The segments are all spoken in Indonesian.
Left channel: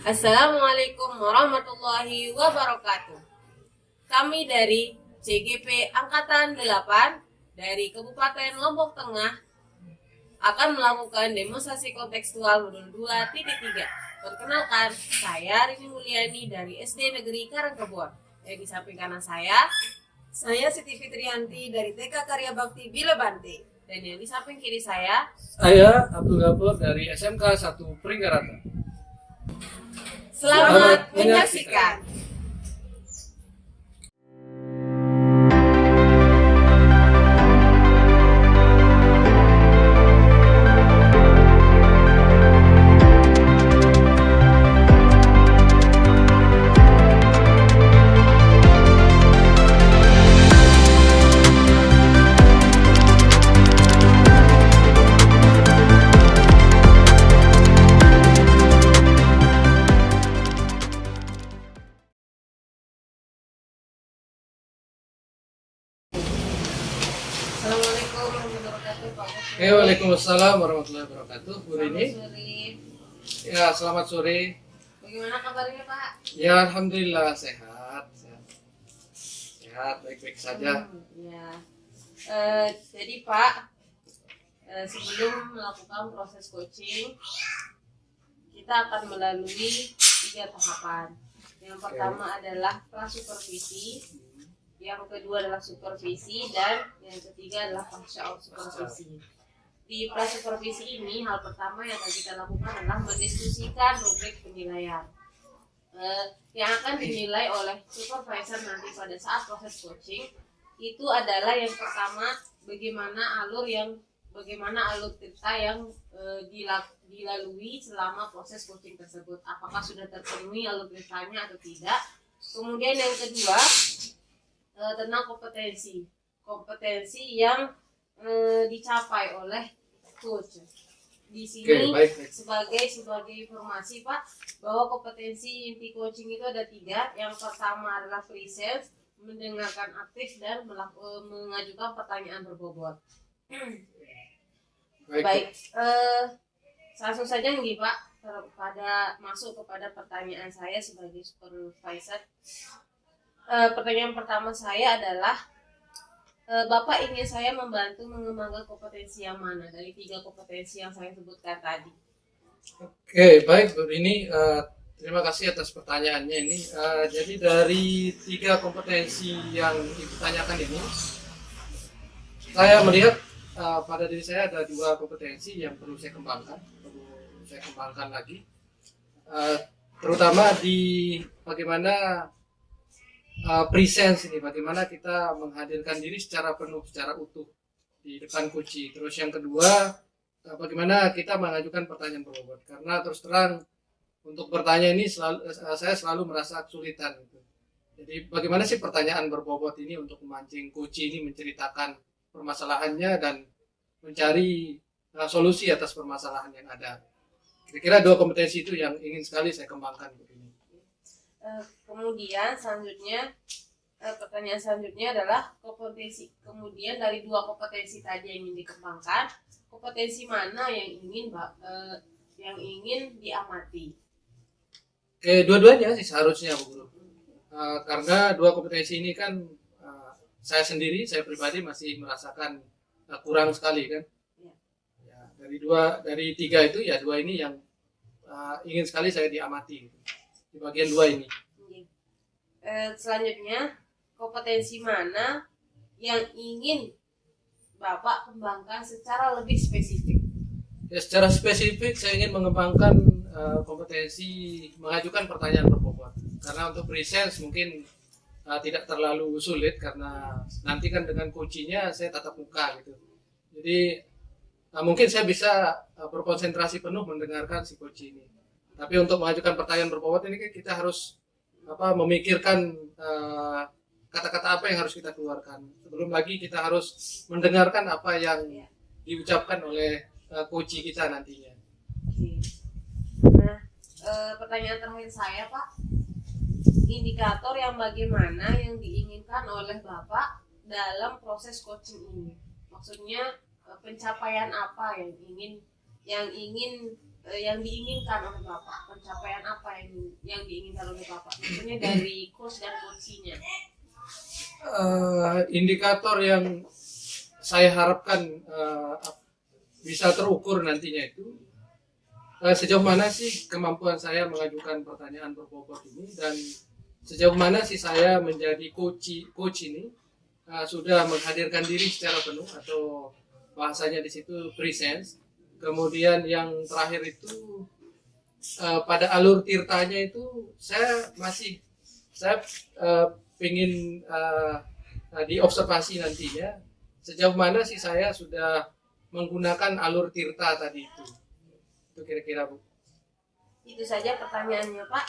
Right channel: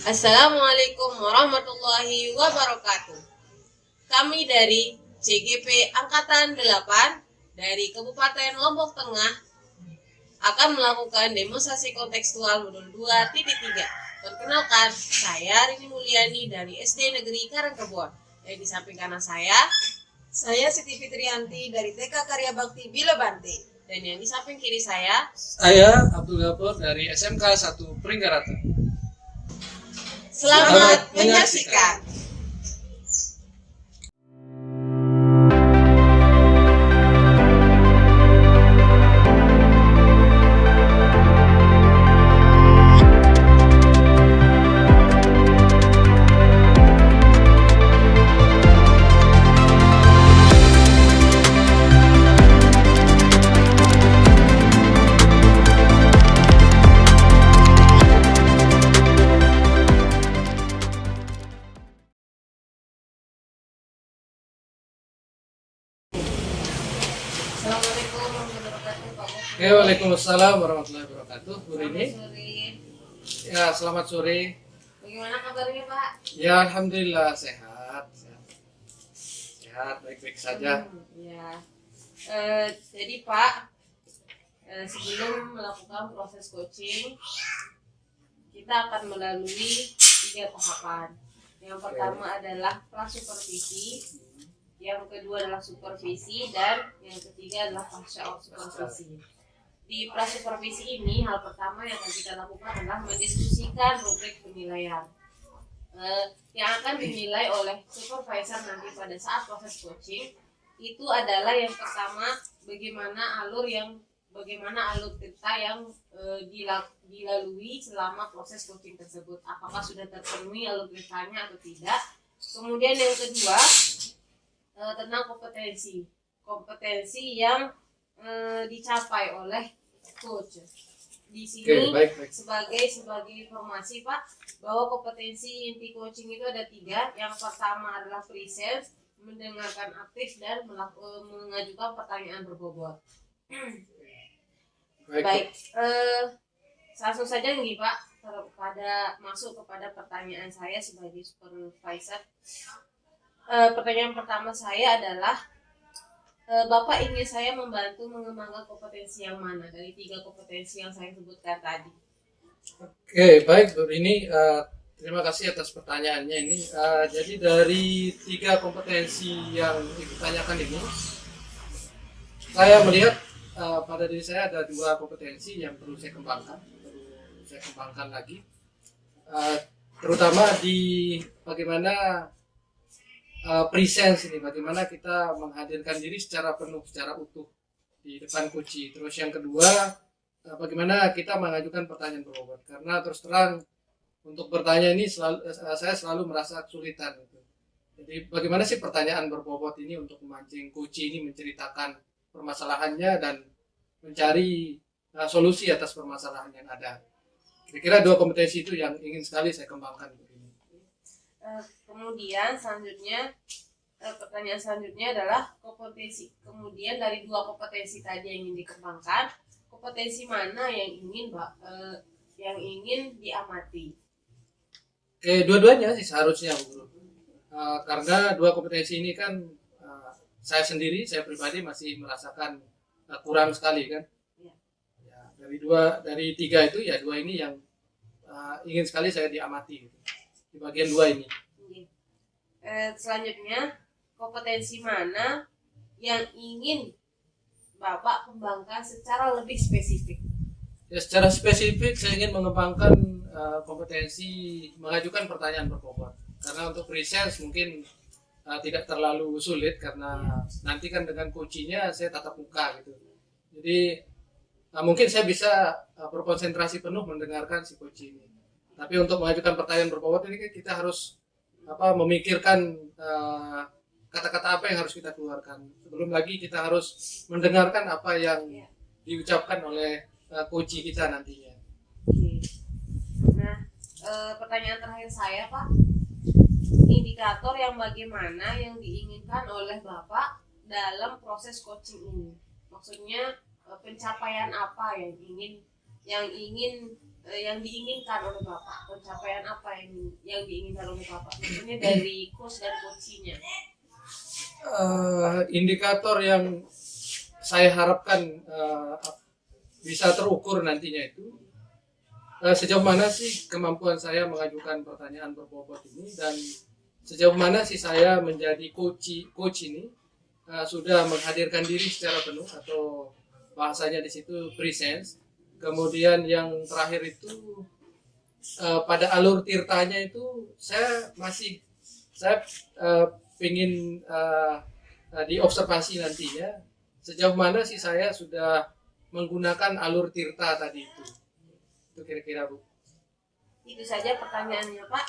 Assalamualaikum warahmatullahi wabarakatuh. Kami dari CGP Angkatan 8 dari Kabupaten Lombok Tengah akan melakukan demonstrasi kontekstual modul 2.3. Perkenalkan, saya Rini Mulyani dari SD Negeri Karangkebon. Dan di samping kanan saya Siti Fitrianti dari TK Karya Bakti Bilebante. dan yang di samping kiri saya Abdul Ghafur dari SMK 1 Pringgarata. Selamat menyaksikan. Assalamualaikum warahmatullahi wabarakatuh, Pak Bos. Waalaikumsalam warahmatullahi wabarakatuh. Bu Rini. Selamat sore. Ya, selamat sore. Bagaimana kabarnya, Pak? Ya, alhamdulillah sehat. Sehat, baik-baik saja. Ya. Jadi Pak, sebelum melakukan proses coaching, kita akan melalui 3 tahapan. Yang pertama adalah pra-supervisi, yang kedua adalah supervisi, dan yang ketiga adalah pasca supervisi. Di pra-supervisi ini, hal pertama yang akan kita lakukan adalah mendiskusikan rubrik penilaian yang akan dinilai oleh supervisor nanti pada saat proses coaching. Itu adalah yang pertama, bagaimana alur kita yang dilalui selama proses coaching tersebut, apakah sudah terpenuhi alur ceritanya atau tidak. Kemudian yang kedua, tentang kompetensi yang dicapai oleh coach. Di sini baik. sebagai informasi Pak, bahwa kompetensi inti coaching itu ada 3. Yang pertama adalah presence, mendengarkan aktif, dan mengajukan pertanyaan berbobot. Baik, langsung saja nih Pak, masuk kepada pertanyaan saya sebagai supervisor. Pertanyaan pertama saya adalah, Bapak ingin saya membantu mengembangkan kompetensi yang mana dari 3 kompetensi yang saya sebutkan tadi? Baik Bu Rini. Terima kasih atas pertanyaannya ini. Jadi dari 3 kompetensi yang ditanyakan ini, saya melihat pada diri saya ada 2 kompetensi yang perlu saya kembangkan lagi, terutama di bagaimana presence ini, bagaimana kita menghadirkan diri secara penuh, secara utuh di depan coach. Terus yang kedua, bagaimana kita mengajukan pertanyaan berbobot, karena terus terang untuk bertanya ini saya selalu merasa kesulitan gitu. Jadi bagaimana sih pertanyaan berbobot ini untuk memancing coach ini menceritakan permasalahannya dan mencari solusi atas permasalahan yang ada. Kira-kira 2 kompetensi itu yang ingin sekali saya kembangkan Bu ini. Kemudian selanjutnya, pertanyaan selanjutnya adalah kompetensi. Kemudian dari 2 kompetensi tadi yang ingin dikembangkan, kompetensi mana yang ingin diamati? Dua-duanya sih seharusnya Bu Guru. Karena 2 kompetensi ini kan saya pribadi masih merasakan kurang sekali kan. Ya, dari 3 itu ya 2 ini yang ingin sekali saya diamati gitu, di bagian 2 ini. Selanjutnya, kompetensi mana yang ingin Bapak kembangkan secara lebih spesifik? Ya, secara spesifik saya ingin mengembangkan kompetensi mengajukan pertanyaan berbobot. Karena untuk presence mungkin tidak terlalu sulit, karena nanti kan dengan coachingnya saya tatap muka gitu. Jadi mungkin saya bisa berkonsentrasi penuh mendengarkan si coach ini. Tapi untuk mengajukan pertanyaan berbobot ini kan kita harus memikirkan kata-kata apa yang harus kita keluarkan. Sebelum lagi kita harus mendengarkan apa yang diucapkan oleh coach kita nantinya. Nah, pertanyaan terakhir saya Pak, indikator yang bagaimana yang diinginkan oleh Bapak dalam proses coaching ini? Maksudnya pencapaian apa yang ingin yang diinginkan oleh Bapak? Pencapaian apa yang diinginkan oleh Bapak? Maksudnya dari coach dan coachingnya. Indikator yang saya harapkan bisa terukur nantinya itu sejauh mana sih kemampuan saya mengajukan pertanyaan berbobot ini, dan sejauh mana sih saya menjadi coach ini sudah menghadirkan diri secara penuh, atau bahasanya di situ presence. Kemudian yang terakhir itu pada alur tirtanya itu saya ingin diobservasi nantinya sejauh mana sih saya sudah menggunakan alur tirta tadi itu kira-kira Bu. Itu saja pertanyaannya Pak.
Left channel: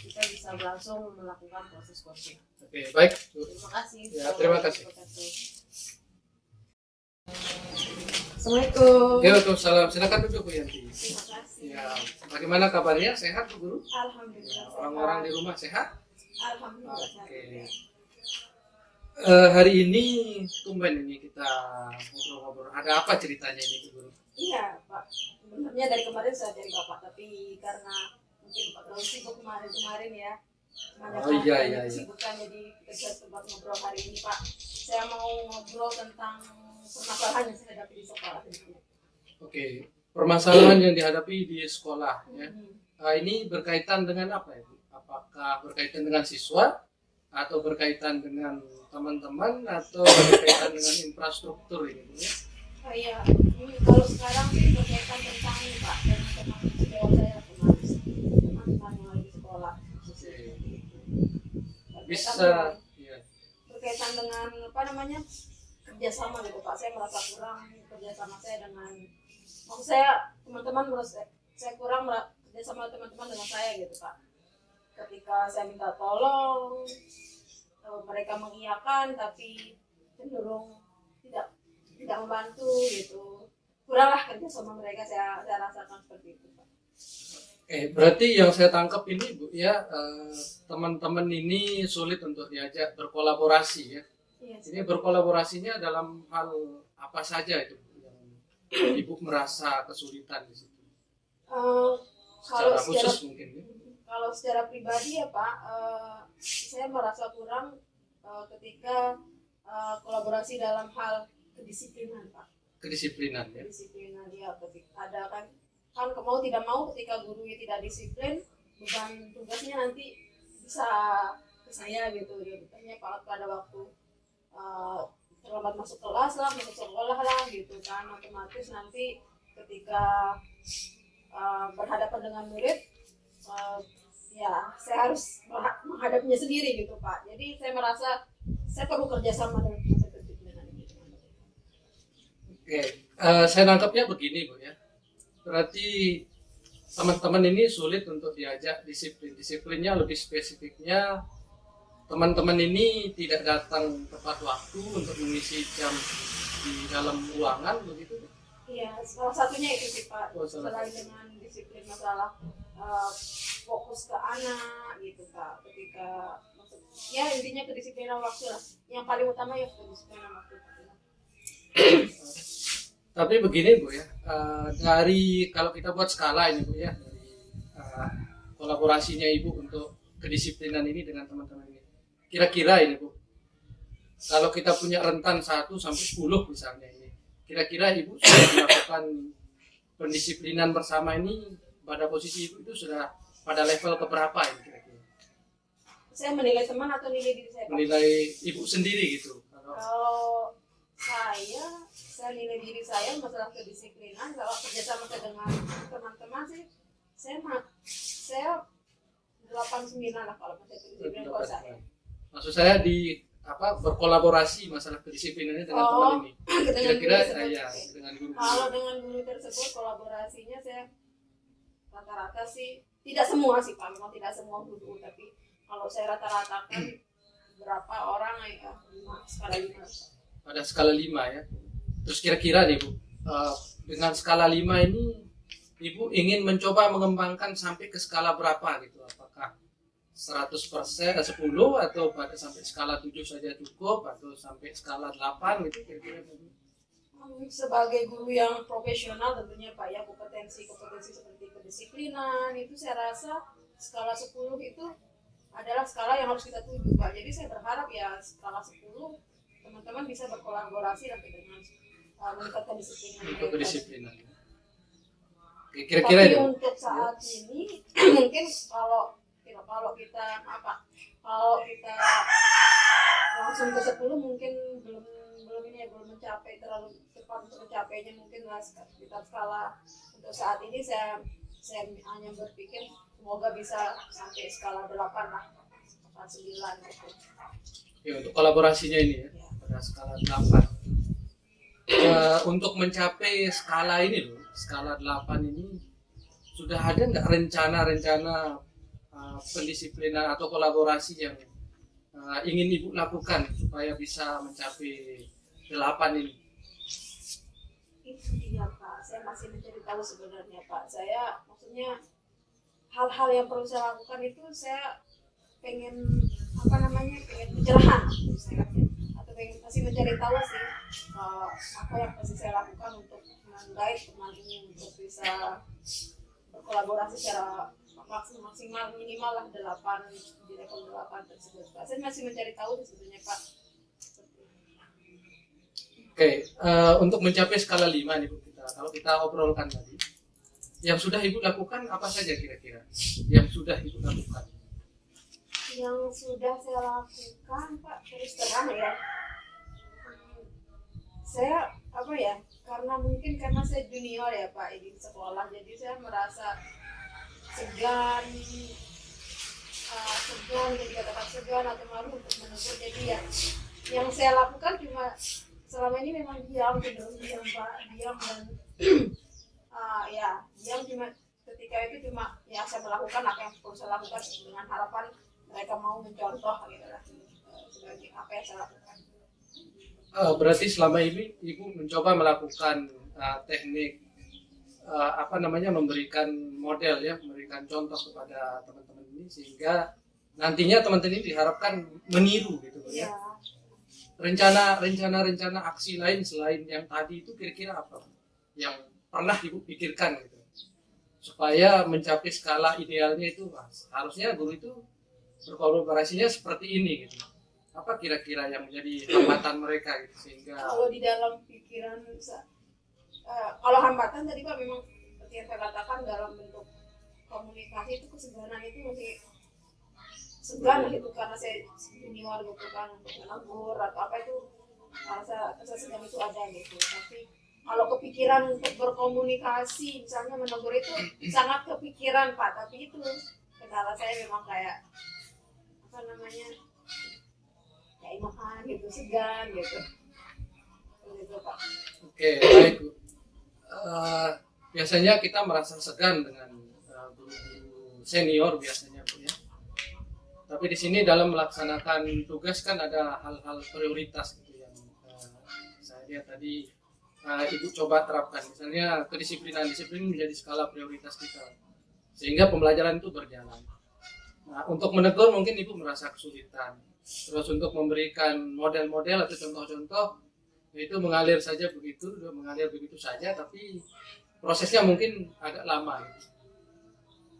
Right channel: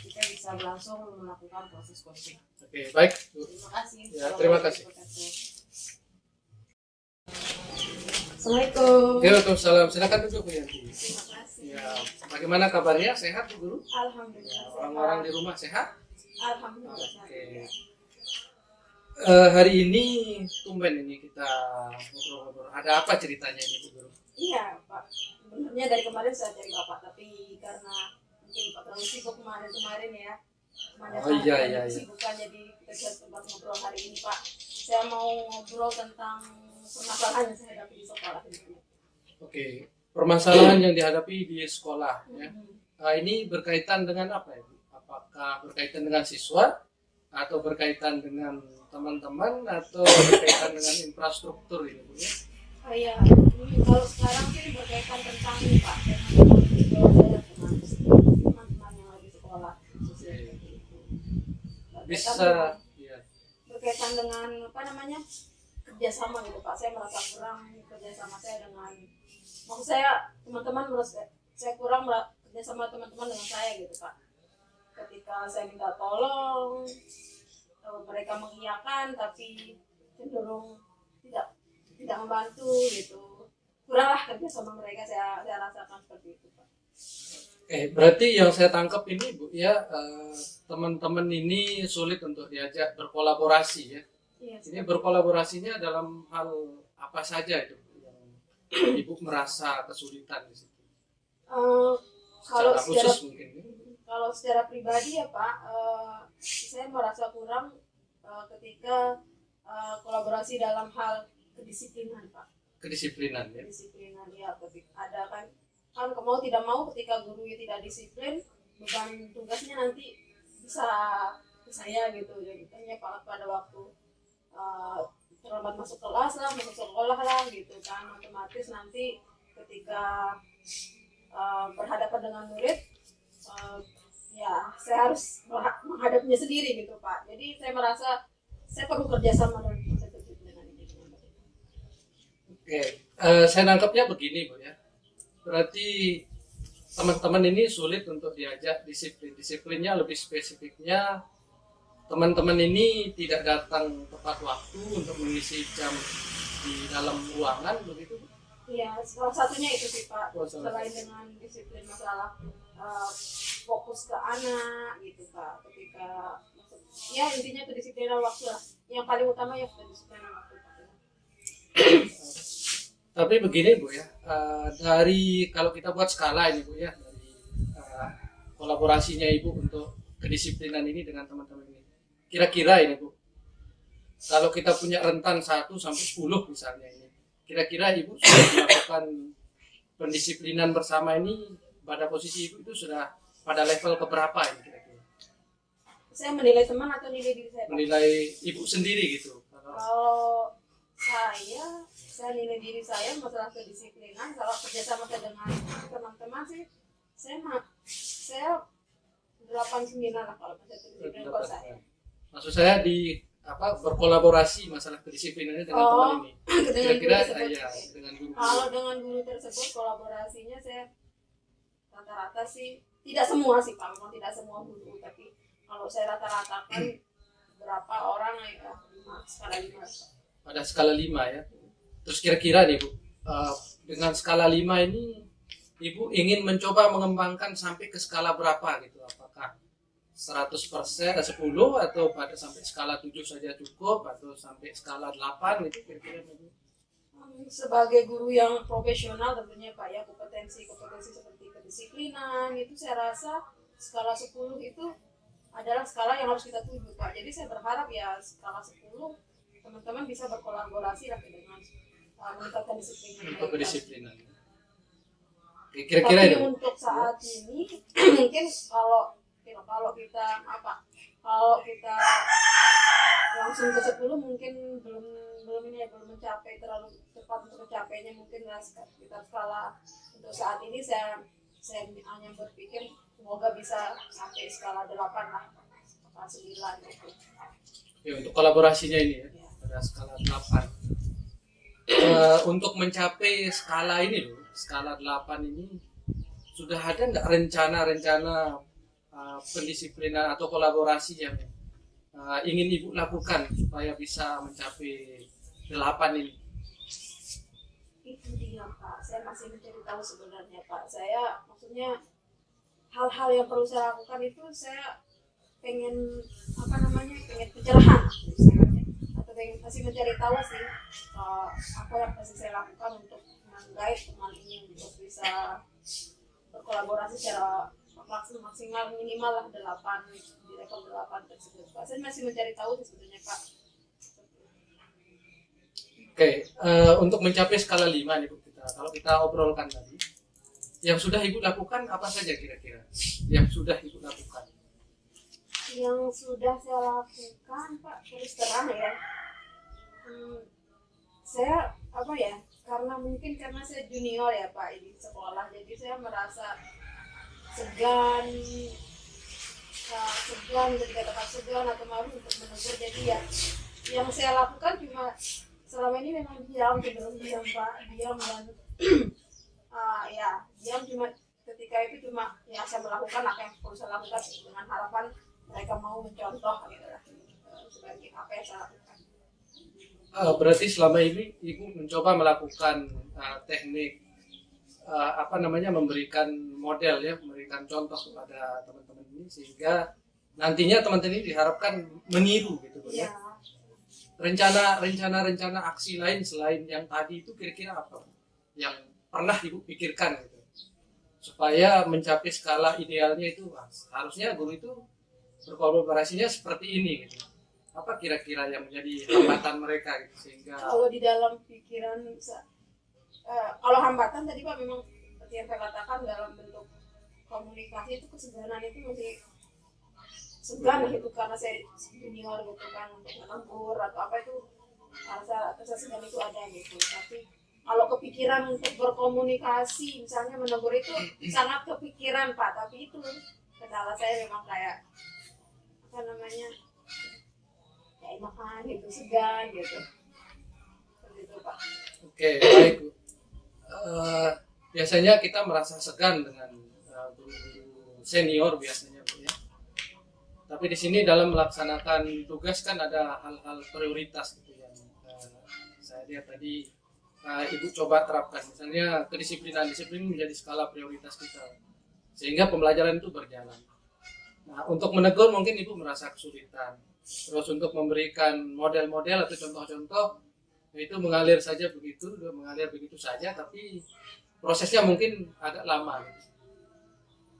Kita bisa langsung melakukan proses coaching. Oke, baik Bu. Terima kasih. Ya, terima kasih. Assalamualaikum. Waalaikumsalam. Silakan duduk Bu Yanti. Terima kasih. Ya, bagaimana kabarnya? Sehat Bu Guru? Alhamdulillah. Orang-orang di rumah sehat? Alhamdulillah. Oke. Hari ini tumben ini kita ngobrol-ngobrol. Ada apa ceritanya ini Bu Guru? Iya Pak, sebenarnya dari kemarin saya cari Bapak, tapi karena mungkin Pak terlalu sibuk kemarin ya. Oh, iya. Kesibukan, jadi kita bisa sempat ngobrol hari ini Pak. Saya mau ngobrol tentang permasalahan yang saya hadapi di sekolah ini. Oke, permasalahan yang dihadapi di sekolah ya. Ini berkaitan dengan apa ya Bu? Apakah berkaitan dengan siswa, atau berkaitan dengan teman-teman, atau berkaitan dengan infrastruktur ini Bu ya? Iya, kalau sekarang sih berkaitan tentang ini Pak, teman-teman sejauh saya teman-teman yang lagi sekolah. Bisa ya. Berkaitan dengan apa namanya, kerjasama gitu Pak. Saya merasa kurang kerjasama saya dengan, maksud saya teman-teman merasa saya kurang kerjasama teman-teman dengan saya gitu Pak. Ketika saya minta tolong, mereka mengiyakan tapi cenderung tidak membantu gitu. Kuranglah kerjasama mereka, saya rasakan seperti itu Pak. Berarti yang saya tangkap ini Bu ya, teman-teman ini sulit untuk diajak berkolaborasi ya. Iya, Ini berkolaborasinya dalam hal apa saja itu Bu, yang Ibu merasa kesulitan di situ? Kalau Secara khusus mungkin ya. Kalau secara pribadi ya Pak, saya merasa kurang ketika kolaborasi dalam hal kedisiplinan Pak. Kedisiplinan ya. Kedisiplinan ya, ketika ada kan mau tidak mau ketika gurunya tidak disiplin, beban tugasnya nanti bisa ke saya gitu ya. Misalnya pada waktu terlambat masuk kelas lah, masuk sekolah lah gitu kan, otomatis nanti ketika berhadapan dengan murid, ya saya harus menghadapinya sendiri gitu Pak. Jadi saya merasa saya perlu kerjasama dengan proses kedisiplinan ini. Oke, saya nangkapnya begini Bu ya. Berarti teman-teman ini sulit untuk diajak disiplin. Disiplinnya lebih spesifiknya, teman-teman ini tidak datang tepat waktu untuk mengisi jam di dalam ruangan begitu. Iya, salah satunya itu sih Pak. Oh, Selain dengan disiplin masalah fokus ke anak gitu Pak. Ketika ya intinya kedisiplinan waktu lah. Yang paling utama ya kedisiplinan waktu. Tapi begini Bu ya, dari kalau kita buat skala ini Bu ya, dari kolaborasinya Ibu untuk kedisiplinan ini dengan teman-teman ini, kira-kira ini Bu, kalau kita punya rentan 1 sampai 10 misalnya ini, kira-kira Ibu sudah melakukan pendisiplinan bersama ini, pada posisi Ibu itu sudah pada level keberapa ini kira-kira? Saya menilai teman atau nilai diri saya Pak? Menilai Ibu sendiri gitu. Kalau saya nilai diri saya masalah kedisiplinan, kalau kerjasama saya dengan teman-teman sih saya 8-9 lah kalau kedisiplinan kalau saya. Maksud saya di berkolaborasi masalah kedisiplinannya dengan teman ini. Kira-kira ya dengan guru. Kalau dengan guru tersebut kolaborasinya saya rata-rata sih tidak semua sih Pak, memang tidak semua guru, tapi kalau saya rata-ratakan berapa orang ya 5, skala 5. Pada skala 5 ya. Terus kira-kira nih Bu, dengan skala 5 ini Ibu ingin mencoba mengembangkan sampai ke skala berapa gitu? Apakah 100%, 10 atau pada sampai skala 7 saja cukup, atau sampai skala 8 gitu kira-kira Bu? Sebagai guru yang profesional tentunya Pak ya, kompetensi seperti kedisiplinan itu saya rasa skala 10 itu adalah skala yang harus kita tuju Pak. Jadi saya berharap ya skala 10 teman-teman bisa berkolaborasi lah dengan meningkatkan disiplin untuk mereka. kedisiplinan. Oke, kira-kira Tapi itu. untuk saat ini mungkin kalau kita langsung ke 10 mungkin belum mencapai terlalu cepat untuk mencapainya, mungkin kita skala untuk saat ini saya hanya berpikir semoga bisa sampai skala 8 lah, skala 9 gitu. Ya, untuk kolaborasinya ini ya, pada skala 8. Untuk mencapai skala ini loh, skala 8 ini sudah ada nggak rencana-rencana pendisiplinan atau kolaborasi yang ingin Ibu lakukan supaya bisa mencapai 8 ini? Itu dia Pak, saya masih mencari tahu sebenarnya Pak. Saya maksudnya hal-hal yang perlu saya lakukan itu saya pengen pengen pencerahan istilahnya, atau masih mencari tahu sih apa yang masih saya lakukan untuk menggait teman ini untuk bisa berkolaborasi secara maksimal minimal lah 8 di level 8 tersebut Pak. Saya masih mencari tahu sebetulnya Pak. Oke, untuk mencapai skala 5 nih Bu, kalau kita obrolkan tadi, yang sudah Ibu lakukan apa saja kira-kira? Yang sudah Ibu lakukan? Yang sudah saya lakukan Pak, terus terang ya, saya karena saya junior ya Pak di sekolah, jadi saya merasa segan dikatakan segan atau malu untuk menegur. Jadi ya yang saya lakukan cuma selama ini memang diam Pak, diam dan diam, cuma ketika itu cuma ya saya melakukan apa yang perlu saya lakukan dengan harapan mereka mau mencontoh gitu lah, sebagai apa yang saya lakukan. Berarti selama ini Ibu mencoba melakukan teknik memberikan model ya, memberikan contoh kepada teman-teman ini sehingga nantinya teman-teman ini diharapkan meniru gitu ya. Rencana aksi lain selain yang tadi itu kira-kira apa yang pernah Ibu pikirkan gitu supaya mencapai skala idealnya itu harusnya guru itu berkolaborasinya seperti ini gitu. Apa kira-kira yang menjadi hambatan mereka gitu sehingga kalau di dalam pikiran kalau hambatan tadi Pak memang seperti yang saya katakan dalam bentuk komunikasi itu kesegaran itu masih segan gitu karena saya junior gitu kan untuk menegur atau apa itu rasa segan itu ada gitu. Tapi kalau kepikiran untuk berkomunikasi misalnya menegur itu sangat kepikiran Pak, tapi itu kendala saya memang kayak enakan gitu, segan gitu. Begitu Pak. Oke, baik Bu. Biasanya kita merasa segan dengan guru-guru senior biasanya Bu ya. Tapi di sini dalam melaksanakan tugas kan ada hal-hal prioritas gitu yang saya lihat tadi Ibu coba terapkan. Misalnya kedisiplinan, disiplin menjadi skala prioritas kita sehingga pembelajaran itu berjalan. Nah, untuk menegur mungkin Ibu merasa kesulitan. Terus untuk memberikan model-model atau contoh-contoh itu mengalir begitu saja, tapi prosesnya mungkin agak lama.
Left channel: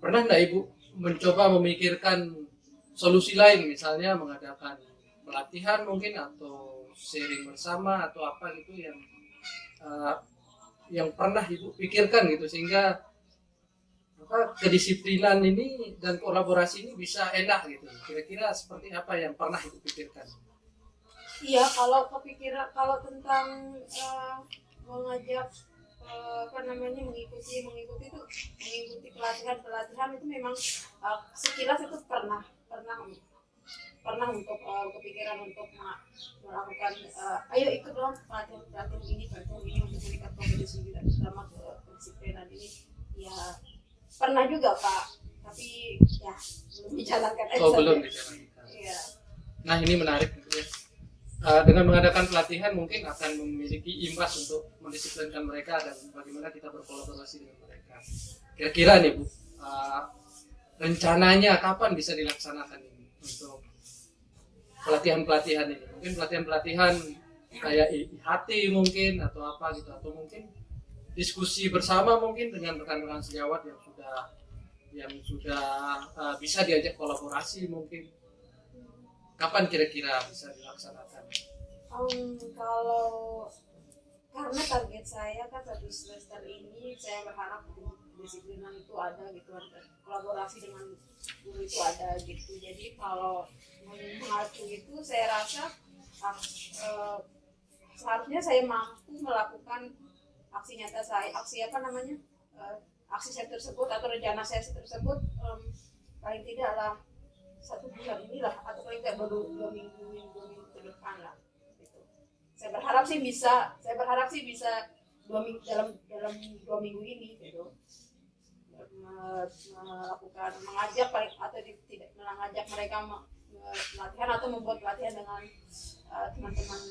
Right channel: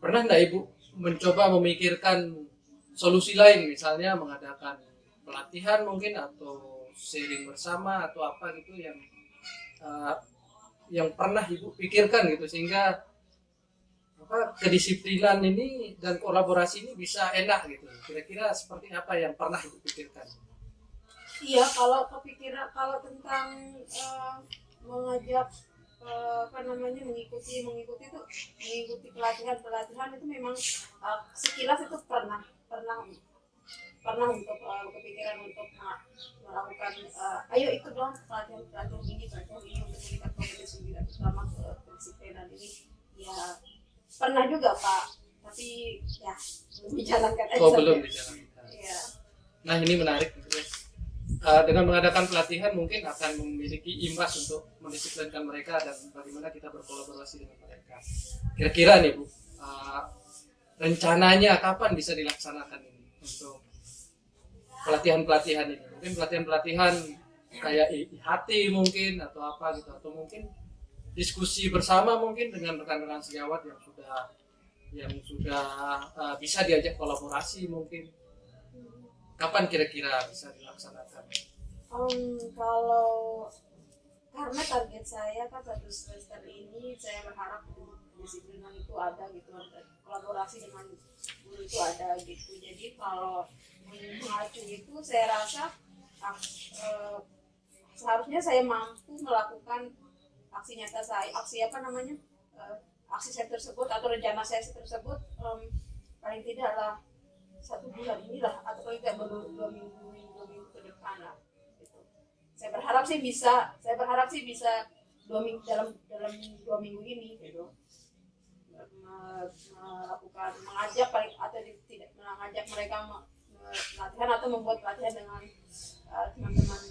Pernah enggak Ibu mencoba memikirkan solusi lain, misalnya mengadakan pelatihan mungkin atau sharing bersama atau apa gitu yang pernah Ibu pikirkan gitu sehingga kedisiplinan ini dan kolaborasi ini bisa enak gitu. Kira-kira seperti apa yang pernah Ibu pikirkan? Iya, kalau tentang mengajak mengikuti pelatihan itu memang sekilas itu pernah untuk kepikiran untuk melakukan ayo ikut dong pelatihan ini untuk meningkat kompetensi dan terutama kedisiplinan ini ya pernah juga Pak, tapi ya belum dijalankan aja. Belum dijalankan. Iya. Nah ini menarik gitu ya. Dengan mengadakan pelatihan mungkin akan memiliki imbas untuk mendisiplinkan mereka dan bagaimana kita berkolaborasi dengan mereka. Kira-kira nih Bu, rencananya kapan bisa dilaksanakan ini untuk pelatihan-pelatihan ini? Mungkin pelatihan-pelatihan kayak IHT mungkin atau apa gitu, atau mungkin diskusi bersama mungkin dengan rekan-rekan sejawat yang sudah bisa diajak kolaborasi mungkin. Kapan kira-kira bisa dilaksanakan? Kalau karena target saya kan 1 semester ini, saya berharap disiplinan itu ada gitu, kolaborasi dengan guru itu ada gitu. Jadi kalau mengacu itu saya rasa seharusnya saya mampu melakukan aksi nyata saya, aksi saya tersebut atau rencana saya tersebut paling tidaklah 1 bulan inilah, atau paling tidak baru 2 minggu ke depan lah gitu. Saya berharap sih bisa 2 minggu, dalam 2 minggu ini gitu, mengajak atau tidak mengajak mereka latihan atau membuat pelatihan dengan teman-teman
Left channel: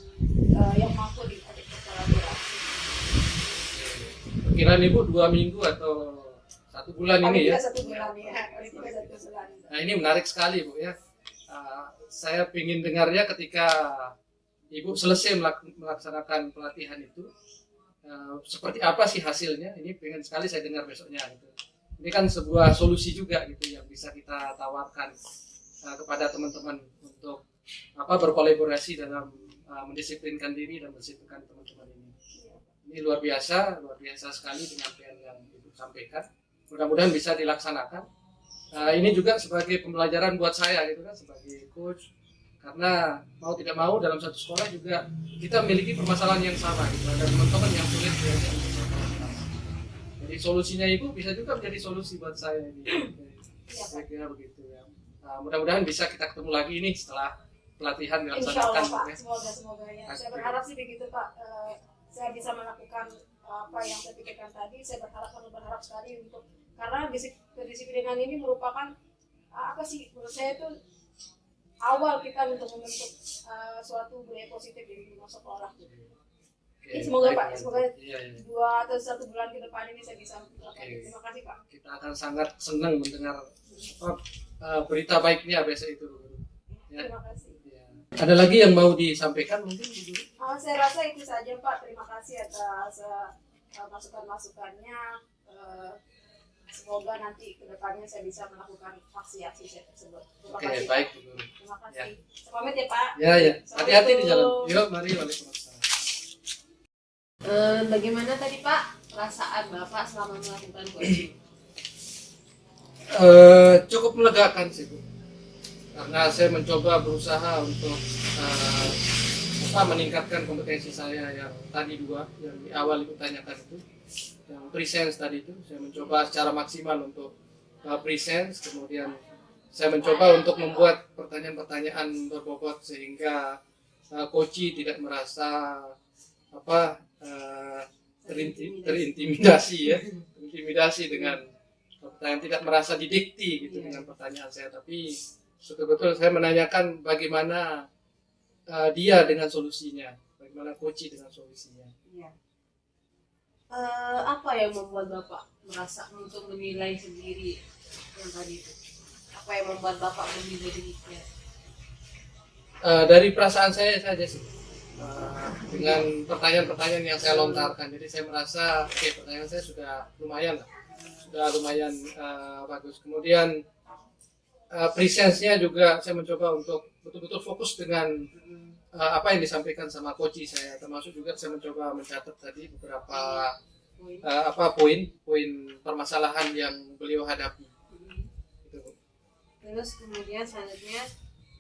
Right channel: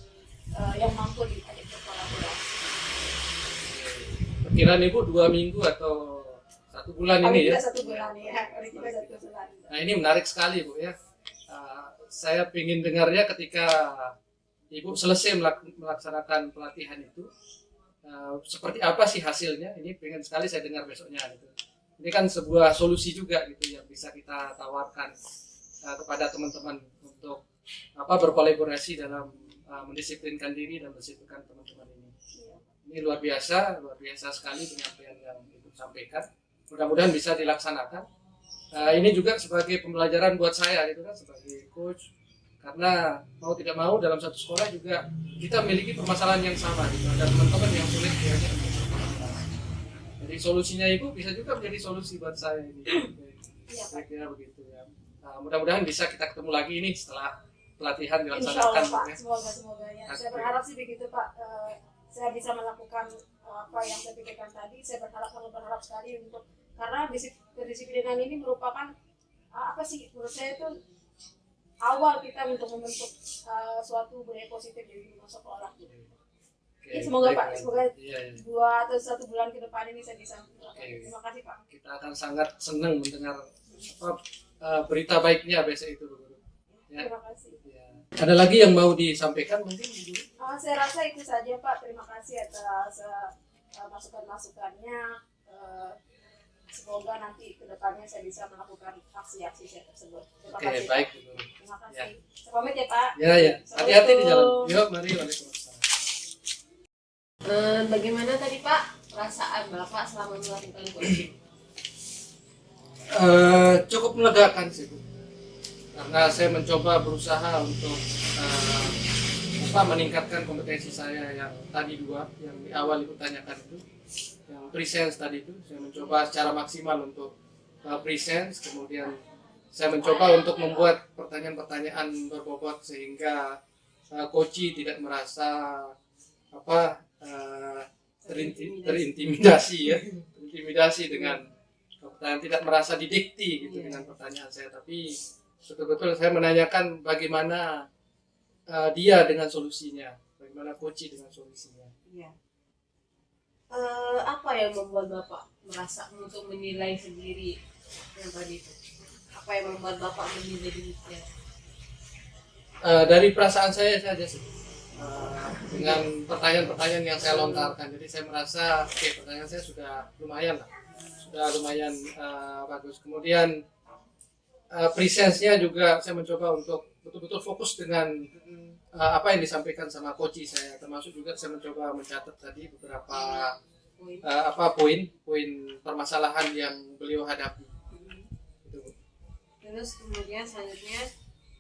yang mampu diajak berkolaborasi. Perkiraan Ibu 2 minggu atau 1 bulan ini ya? 1 bulan ya. 1 bulan. Nah ini menarik sekali Bu ya. Saya ingin dengarnya ketika Ibu selesai melaksanakan pelatihan itu, seperti apa sih hasilnya? Ini pengen sekali saya dengar besoknya gitu. Ini kan sebuah solusi juga gitu yang bisa kita tawarkan kepada teman-teman untuk berkolaborasi dalam mendisiplinkan diri dan mendisiplinkan teman-teman ini. Ini luar biasa sekali penyampaian yang Ibu sampaikan. Mudah-mudahan bisa dilaksanakan. Ini juga sebagai pembelajaran buat saya gitu kan, sebagai coach, karena mau tidak mau dalam satu sekolah juga kita memiliki permasalahan yang sama gitu. Ada teman-teman yang sulit diajak untuk berkolaborasi. Jadi solusinya Ibu bisa juga menjadi solusi buat saya ini. Saya kira begitu ya. Mudah-mudahan bisa kita ketemu lagi ini setelah pelatihan dilaksanakan. Insya Allah, Pak. Semoga ya. Saya berharap sih begitu Pak. Saya bisa melakukan apa yang saya pikirkan tadi. Saya berharap sekali untuk, karena kedisiplinan ini merupakan menurut saya itu awal kita untuk membentuk suatu budaya positif di lingkungan sekolah. Oke, Semoga baik, Pak, semoga iya. 2 atau 1 bulan ke depan ini saya bisa melakukan. Terima kasih Pak. Kita akan sangat senang mendengar berita baiknya besok itu. Ya. Terima kasih. Ya. Ada lagi yang mau disampaikan mungkin? Saya rasa itu saja Pak. Terima kasih atas masukan-masukannya. Semoga nanti ke depannya saya bisa melakukan aksi-aksi saya tersebut. Terima kasih. Baik. Terima kasih. Saya pamit ya Pak. Ya. Hati-hati di jalan. Yuk, mari. Waalaikumsalam. Bagaimana tadi Pak perasaan Bapak selama melakukan coaching? Cukup melegakan sih Bu, karena saya mencoba berusaha untuk meningkatkan kompetensi saya yang tadi 2 yang di awal Ibu tanyakan itu, yang presence tadi itu saya mencoba secara maksimal untuk presence, kemudian saya mencoba untuk membuat pertanyaan-pertanyaan berbobot sehingga coach tidak merasa terintimidasi dengan pertanyaan, tidak merasa didikti gitu dengan pertanyaan saya, tapi betul-betul saya menanyakan bagaimana dia dengan solusinya, bagaimana coach dengan solusinya. Apa yang membuat Bapak merasa untuk menilai sendiri yang tadi itu? Apa yang membuat Bapak menilai demikian? Dari perasaan saya saja sih, dengan pertanyaan-pertanyaan yang saya lontarkan. Jadi saya merasa pertanyaan saya sudah lumayan bagus. Kemudian presence-nya juga saya mencoba untuk betul-betul fokus dengan apa yang disampaikan sama coach saya, termasuk juga saya mencoba mencatat tadi beberapa poin permasalahan yang beliau hadapi. Gitu. Terus kemudian selanjutnya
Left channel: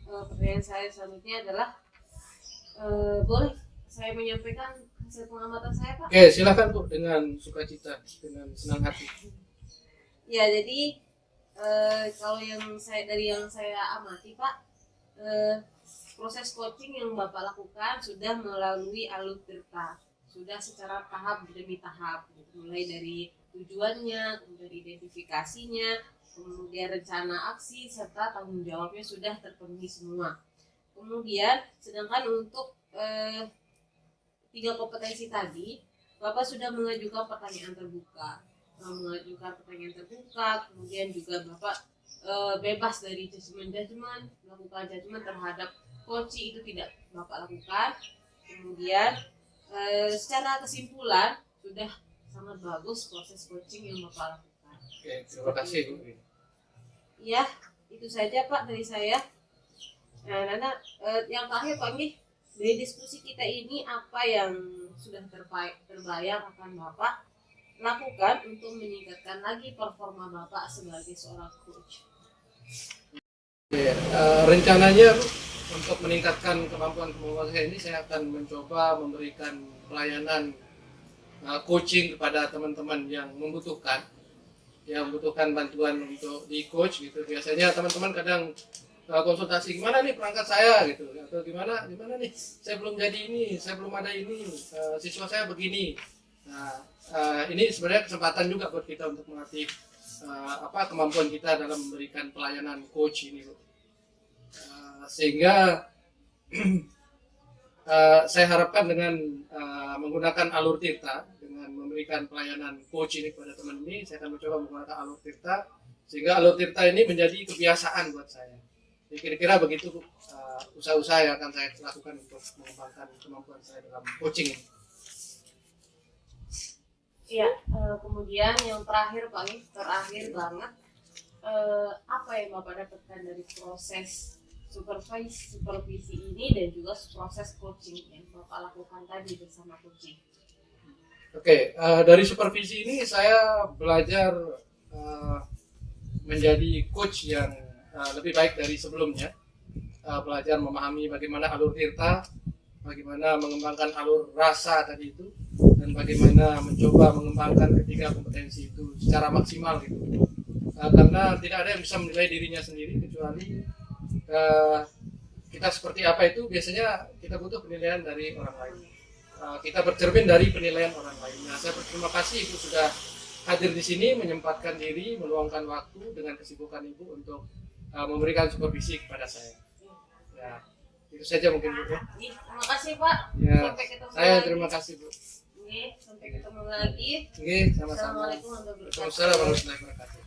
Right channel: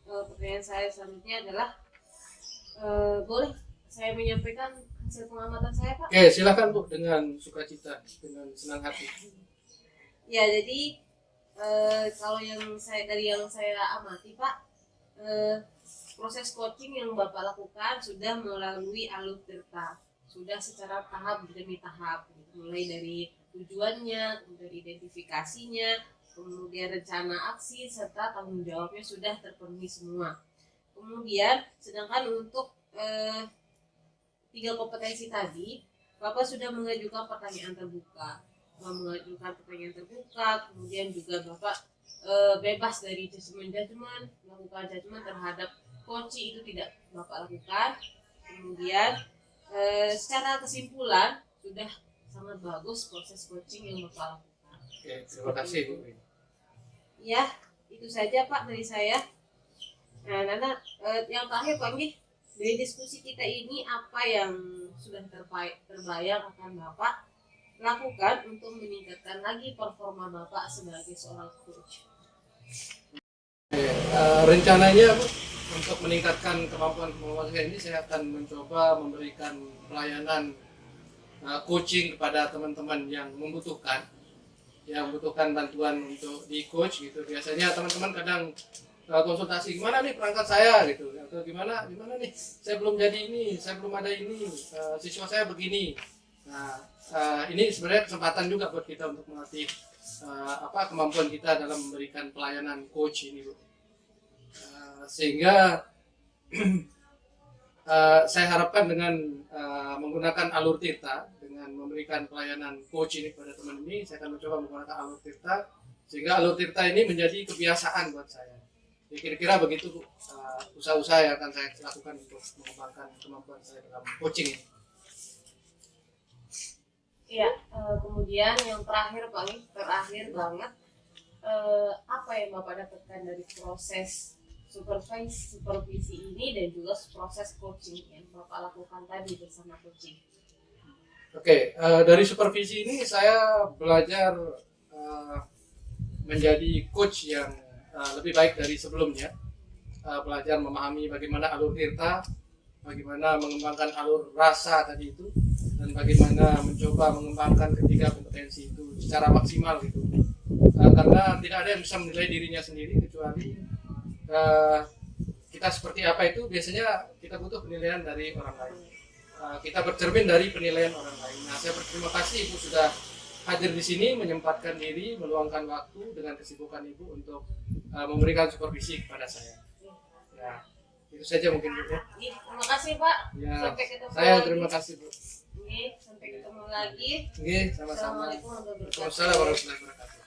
pertanyaan saya selanjutnya adalah boleh saya menyampaikan hasil pengamatan saya Pak? Oke, silakan Bu, dengan sukacita, dengan senang hati. Ya, jadi kalau yang saya amati Pak, proses coaching yang Bapak lakukan sudah melalui alur tirta, sudah secara tahap demi tahap, mulai dari tujuannya, kemudian identifikasinya, kemudian rencana aksi serta tanggung jawabnya sudah terpenuhi semua. Kemudian sedangkan untuk 3 kompetensi tadi, Bapak sudah mengajukan pertanyaan terbuka, kemudian juga Bapak bebas dari judgement, melakukan judgement terhadap coach itu tidak Bapak lakukan. Kemudian secara kesimpulan sudah sangat bagus proses coaching yang Bapak lakukan. Oke, terima kasih Bu. Ya, itu saja Pak dari saya. Nah, Nana, yang terakhir Pak Anggi, dari diskusi kita ini apa yang sudah terbayang akan Bapak lakukan untuk meningkatkan lagi performa Bapak sebagai seorang coach? Rencananya Bu, untuk meningkatkan kemampuan saya ini, saya akan mencoba memberikan pelayanan coaching kepada teman-teman yang membutuhkan bantuan untuk di coach gitu. Biasanya teman-teman kadang konsultasi, gimana nih perangkat saya gitu, atau gimana nih saya belum jadi ini, saya belum ada ini, siswa saya begini. Nah, ini sebenarnya kesempatan juga buat kita untuk melatih kemampuan kita dalam memberikan pelayanan coach ini Bu. Sehingga saya harapkan dengan menggunakan Alur Tirta, dengan memberikan pelayanan coach ini kepada teman ini, saya akan mencoba menggunakan Alur Tirta sehingga Alur Tirta ini menjadi kebiasaan buat saya. Jadi kira-kira begitu usaha-usaha yang akan saya lakukan untuk mengembangkan kemampuan saya dalam coaching ini. Iya, kemudian yang terakhir Pak Anggi, terakhir banget, apa yang Bapak dapatkan dari proses supervisi ini dan juga proses coaching yang Bapak lakukan tadi bersama coaching? Oke, dari supervisi ini saya belajar menjadi coach yang lebih baik dari sebelumnya. Belajar memahami bagaimana alur tirta, bagaimana mengembangkan alur rasa tadi itu, dan bagaimana mencoba mengembangkan ketiga kompetensi itu secara maksimal gitu. Karena tidak ada yang bisa menilai dirinya sendiri kecuali kita seperti apa itu biasanya kita butuh penilaian dari orang lain. Kita bercermin dari penilaian orang lain. Nah, saya berterima kasih Ibu sudah hadir di sini, menyempatkan diri, meluangkan waktu dengan kesibukan Ibu untuk memberikan supervisi kepada saya. Ya, itu saja mungkin Bu ya. Terima kasih Pak. Ya, Sampai ketemu saya lagi. terima kasih Bu. Sampai ketemu lagi. Sama-sama. Assalamualaikum warahmatullahi wabarakatuh. Waalaikumsalam warahmatullahi wabarakatuh.